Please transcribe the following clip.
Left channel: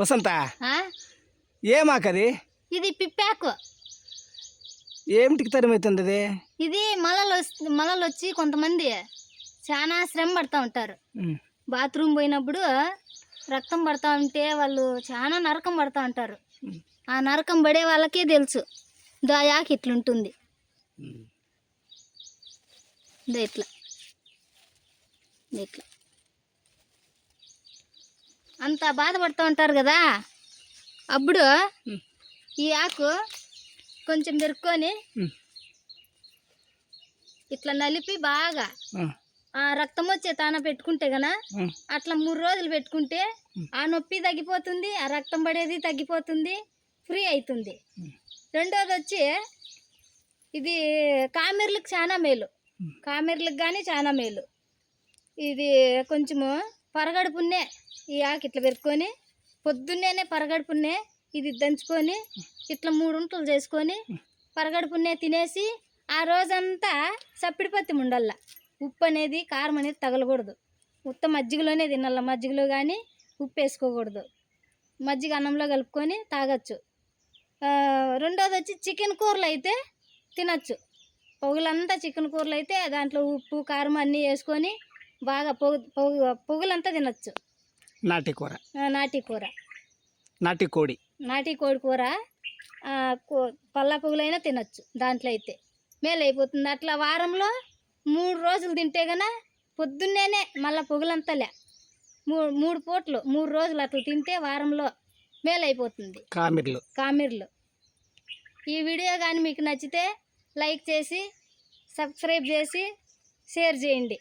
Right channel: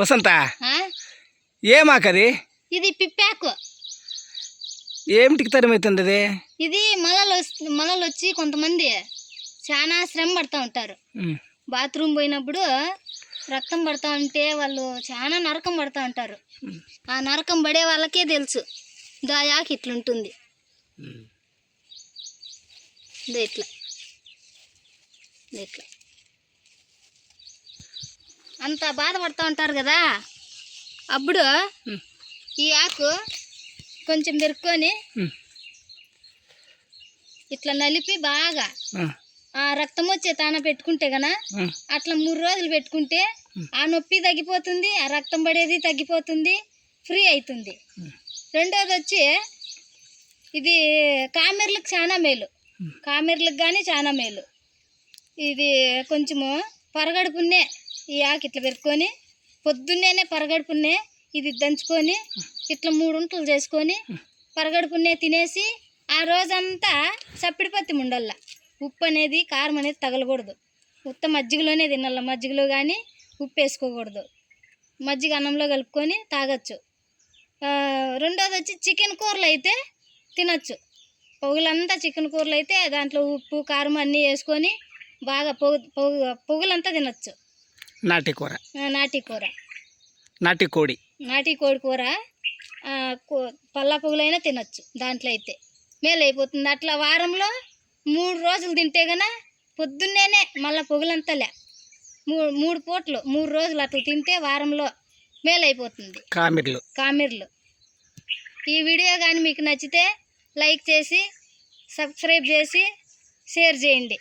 వసంత? ఏమాకది? ఇది పిప్పాకు. ఏమిటికి తరమవుతుంది అది ఇది మలలు మలలు వచ్చి కొంతమంది చాలా శ్రమ పడతా ఉంటారు. బాత్రూమ్ పోయినప్పుడు రక్తం పడతా ఉంటే వాళ్ళు చాలా నరకం పడతా ఉంటారు. ఆ నరకం పడే వాళ్ళకే తెలుసు. దాయాకి ఇట్లుంటుంది. ఇట్లా. ఇట్లా. అంత బాధపడుతూ ఉంటారు కదా. అప్పుడు ఈ ఆకు కొంచెం పెరుక్కొని ఇట్లా నలిపి బాగా ఆ, రక్తం వచ్చే తాన పెట్టుకుంటే గన అట్లా మూడు రోజులు పెట్టుకుంటే ఆ నొప్పి తగ్గిపోతుంది ఆ రక్తం పడేది తగ్గిపోతుంది ఫ్రీ అవుతుంది రెండోది వచ్చి ఇది కామెర్లకు చాలా మేలు. కామెర్లకు కానీ చాలా మేలు. ఇది కొంచెము పరగడుపున్నే ఈ ఆకు ఇట్లా పెరుక్కొని పొద్దున్నేనే పరగడుపున్నే ఇది దంచుకొని ఇట్లా మూడు ఉంటలు చేసుకొని పరగడుపున్నే తినేసి ఆ రోజంతా సప్పిడిపత్తి ఉండల్లా ఉప్పు అనేది కారం అనేది తగలకూడదు. ఉత్త మజ్జిగలోనే తినాల. మజ్జిగలో కానీ ఉప్పు వేసుకోకూడదు. మజ్జిగ అన్నంలో కలుపుకొని తాగొచ్చు. రెండోది వచ్చి చికెన్ కూరలు అయితే తినచ్చు. పొగులంతా చికెన్ కూరలు అయితే దాంట్లో ఉప్పు కారం అన్నీ వేసుకొని బాగా పొగు పొగు పొగులంతా తినొచ్చు. నాటి కూర. నాటి కూర. నాటి కోడి. నాటి కోడి కూర పల్లా పొగులైనా తినొచ్చు దాంట్లో అయితే. మేలు అయిపోతుంది. అట్లా వారంలో మూడు రోజులు తింటే గన పొద్దున్నేనే మళ్ళీ పొగులంతలే మూడు మూడు పూటలు మూడు రోజులు అట్లా తింటే వారంలో మేలు అయిపోతుంది. కామిర్లు. కామెర్లు. ఈ వీడియో కానీ మీకు నచ్చితే లైక్ చేసి సబ్స్క్రైబ్ చేసి షేర్ చేయండి.